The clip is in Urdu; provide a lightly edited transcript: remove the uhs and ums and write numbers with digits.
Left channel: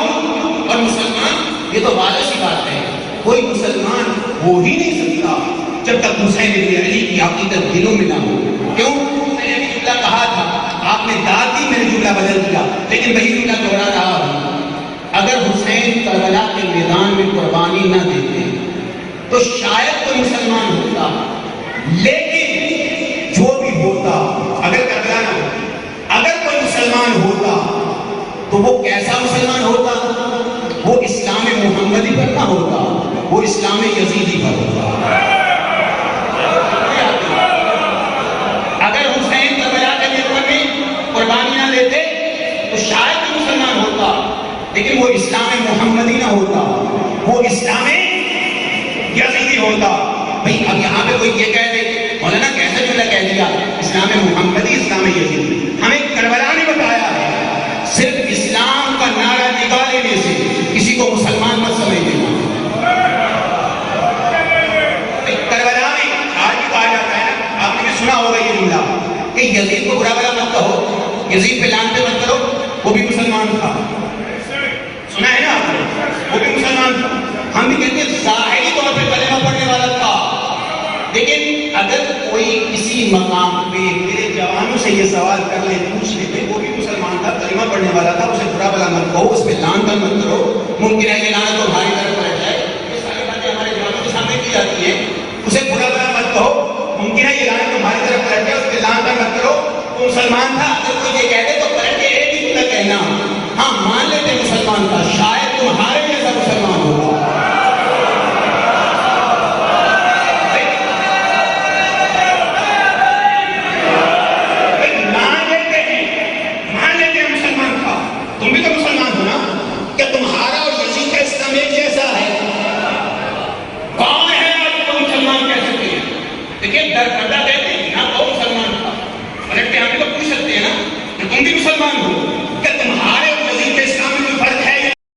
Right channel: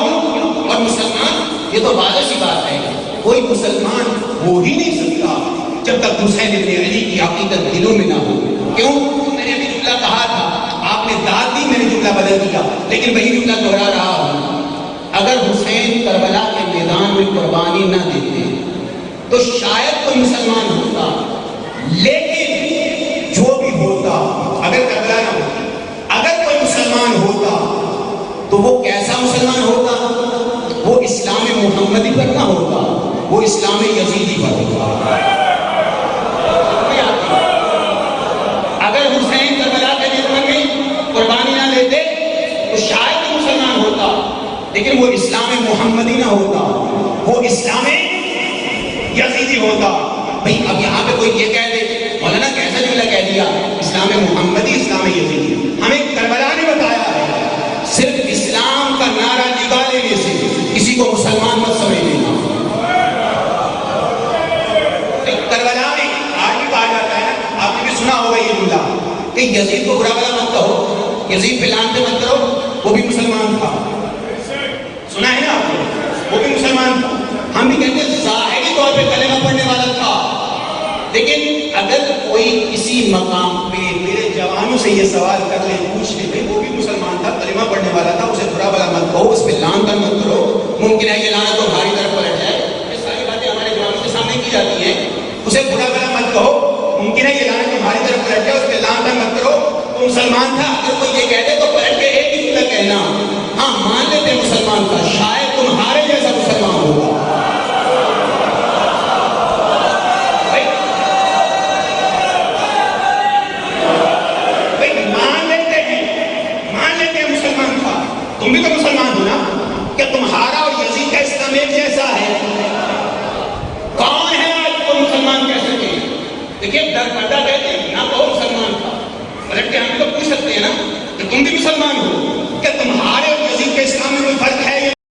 ہوں اور مسلمان، یہ تو واضح سی بات ہے، کوئی مسلمان ہو ہی نہیں سکتا جب تک حسین ابن علی کی عقیدت دلوں میں نہ ہو. کیوں؟ میں نے ابھی جملہ کہا تھا، آپ نے داد دی، میں نے جملہ بدل دیا، لیکن وہی جملہ دہرا رہا ہوں. اگر حسین کربلا کے میدان میں قربانی نہ دیتے تو شاید کوئی مسلمان ہوتا، لیکن جو بھی ہوتا، اگر کربلا نہ ہوتا، اگر کوئی مسلمان ہوتا تو وہ کیسا مسلمان ہوتا؟ وہ اسلام محمدی پر نہ ہوتا، وہ اسلام یزیدی پر ہوتا. اگر حسین کربلا کے میدان میں قربانی نہ دیتے تو شاید کوئی مسلمان ہوتا، لیکن وہ اسلام محمدی نہ ہوتا، وہ اسلام یزیدی ہوتا. بھئی اب یہاں پہ کوئی یہ کہہ دے مولانا کیسا جملہ کہہ دیا، اسلام محمدی اسلام یزیدی؟ ہمیں کربلا نے بتایا ہے، صرف اسلام کا نعرہ نگاہ لینے سے کسی کو مسلمان مت سمجھ لینا. کربلا میں آج بھی کہا جاتا ہے نا، آپ نے بھی سنا ہوگا یہ جملہ کہ یزید کو برا بلا مت کہو، یزید پہ لعنتیں مت کرو، وہ بھی مسلمان تھا. سنا ہے نا آپ نے، وہ بھی مسلمان تھا. ہم بھی کہتے ہیں ظاہری طور پہ کلمہ پڑھنے والا تھا، لیکن اگر کوئی کسی مقام پہ میرے جوانوں سے یہ سوال کر لے، پوچھ لے کہ وہ بھی مسلمان تھا، کلمہ پڑھنے والا تھا، اسے برا بلا مت کہو، اس پہ لعنت مت کرو، ممکن ہے یہ لعنت تو ہماری طرف پلٹ جائے. یہ ساری باتیں ہمارے جوانوں کے سامنے کی جاتی ہیں. اسے برا بلا مت کہو، ممکن ہے یہ لعنت تمہاری طرف پلٹ جائے، اس پہ لعنت مت کرو، وہ مسلمان تھا. اگر کوئی یہ کہتے تو پلٹ کے ایک ہی جملہ کہنا، ہاں مان لیتے مسلمان تھا، شاید تمہارے جیسا مسلمان ہوگا. تم بھی تو مسلمان ہو نا، کہ تمہارا اور یزید کا اسلام ایک جیسا ہے؟ کون ہے آپ کو مسلمان کہہ سکتے ہیں؟ دیکھیے در پردہ کہتے ہیں نہ وہ مسلمان تھا، پلٹ کے ہم بھی تو پوچھ سکتے ہیں نا کہ تم بھی مسلمان ہو.